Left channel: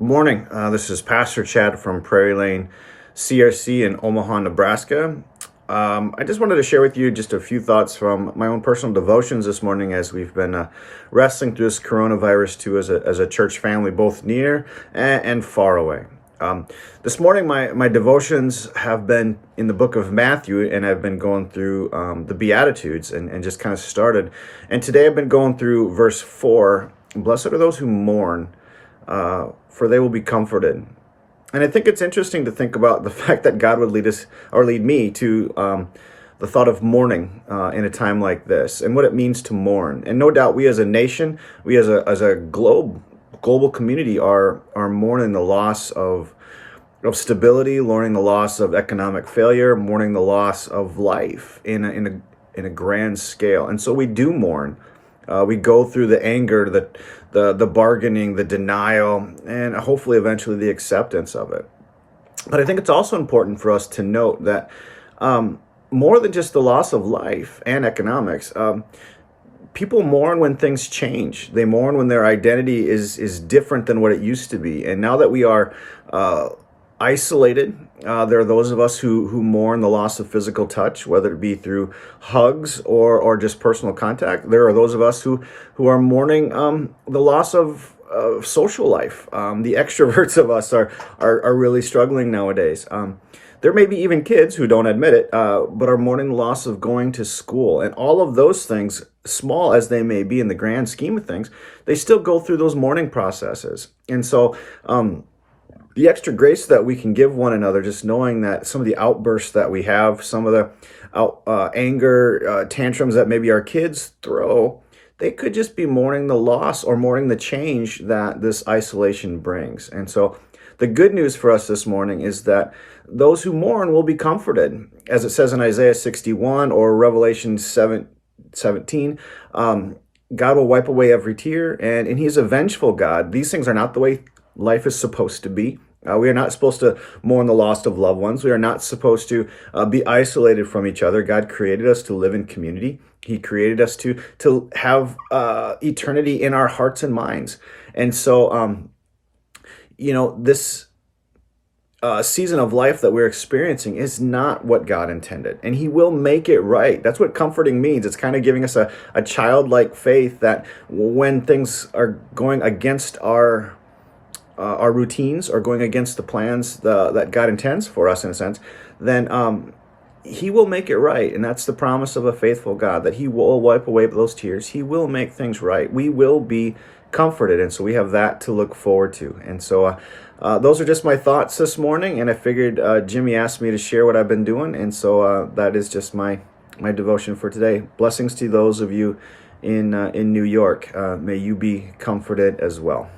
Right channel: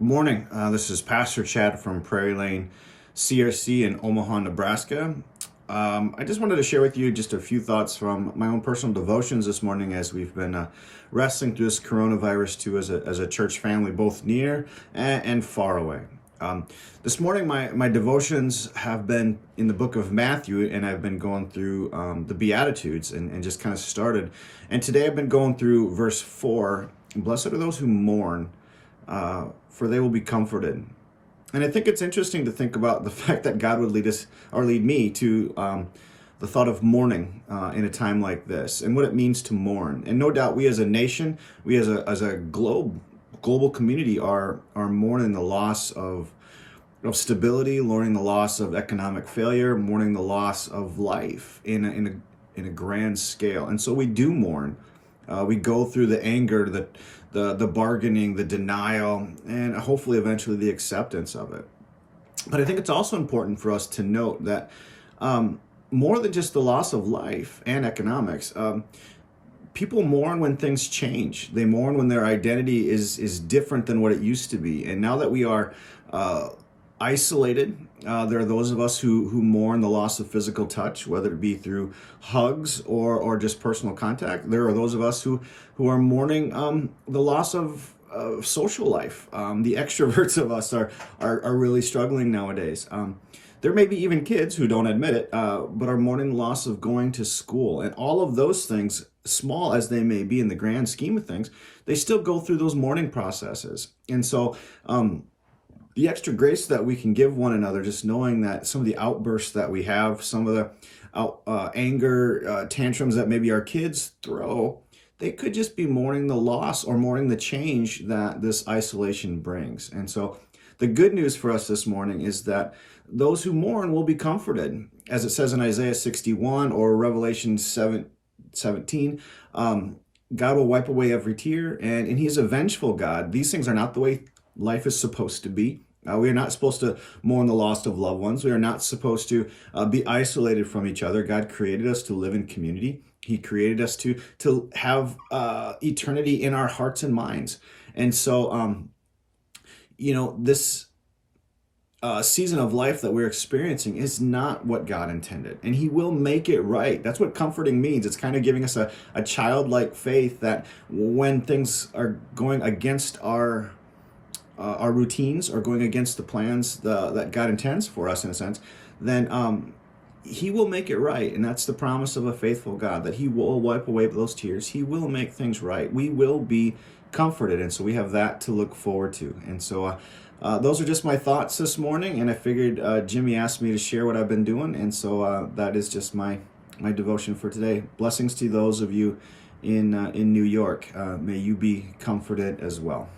Good morning. This is Pastor Chad from Prairie Lane CRC in Omaha, Nebraska. I just wanted to share with you just a few thoughts from my own personal devotions this morning as we've been wrestling through this coronavirus too as a church family, both near and far away. This morning, my devotions have been in the book of Matthew, and I've been going through the Beatitudes and just kind of started. And today I've been going through verse 4. Blessed are those who mourn, for they will be comforted. And I think it's interesting to think about the fact that God would lead us or lead me to the thought of mourning in a time like this and what it means to mourn. And no doubt we as a nation, we as a global community are mourning the loss of stability, mourning the loss of economic failure, mourning the loss of life in a grand scale. And so we do mourn. We go through the anger, the bargaining, the denial, and hopefully eventually the acceptance of it. But I think it's also important for us to note that more than just the loss of life and economics, people mourn when things change. They mourn when their identity is different than what it used to be. And now that we are isolated, there are those of us who mourn the loss of physical touch, whether it be through hugs or just personal contact. There are those of us who are mourning the loss of social life. The extroverts of us are really struggling nowadays. There may be even kids who don't admit it, but are mourning the loss of going to school. And all of those things, small as they may be in the grand scheme of things, they still go through those mourning processes. And so, the extra grace that we can give one another, just knowing that some of the outbursts that we have, some of the anger tantrums that maybe our kids throw, they could just be mourning the loss or mourning the change that this isolation brings. And so the good news for us this morning is that those who mourn will be comforted. As it says in Isaiah 61 or Revelation 17, God will wipe away every tear, and He's a vengeful God. These things are not the way life is supposed to be. We are not supposed to mourn the loss of loved ones. We are not supposed to be isolated from each other. God created us to live in community. He created us to have eternity in our hearts and minds. And so, this season of life that we're experiencing is not what God intended, and He will make it right. That's what comforting means. It's kind of giving us a childlike faith that when things are going against our routines or going against the plans that God intends for us, in a sense, then He will make it right. And that's the promise of a faithful God, that He will wipe away those tears. He will make things right. We will be comforted. And so we have that to look forward to. And so those are just my thoughts this morning. And I figured Jimmy asked me to share what I've been doing. And so that is just my devotion for today. Blessings to those of you in New York. May you be comforted as well.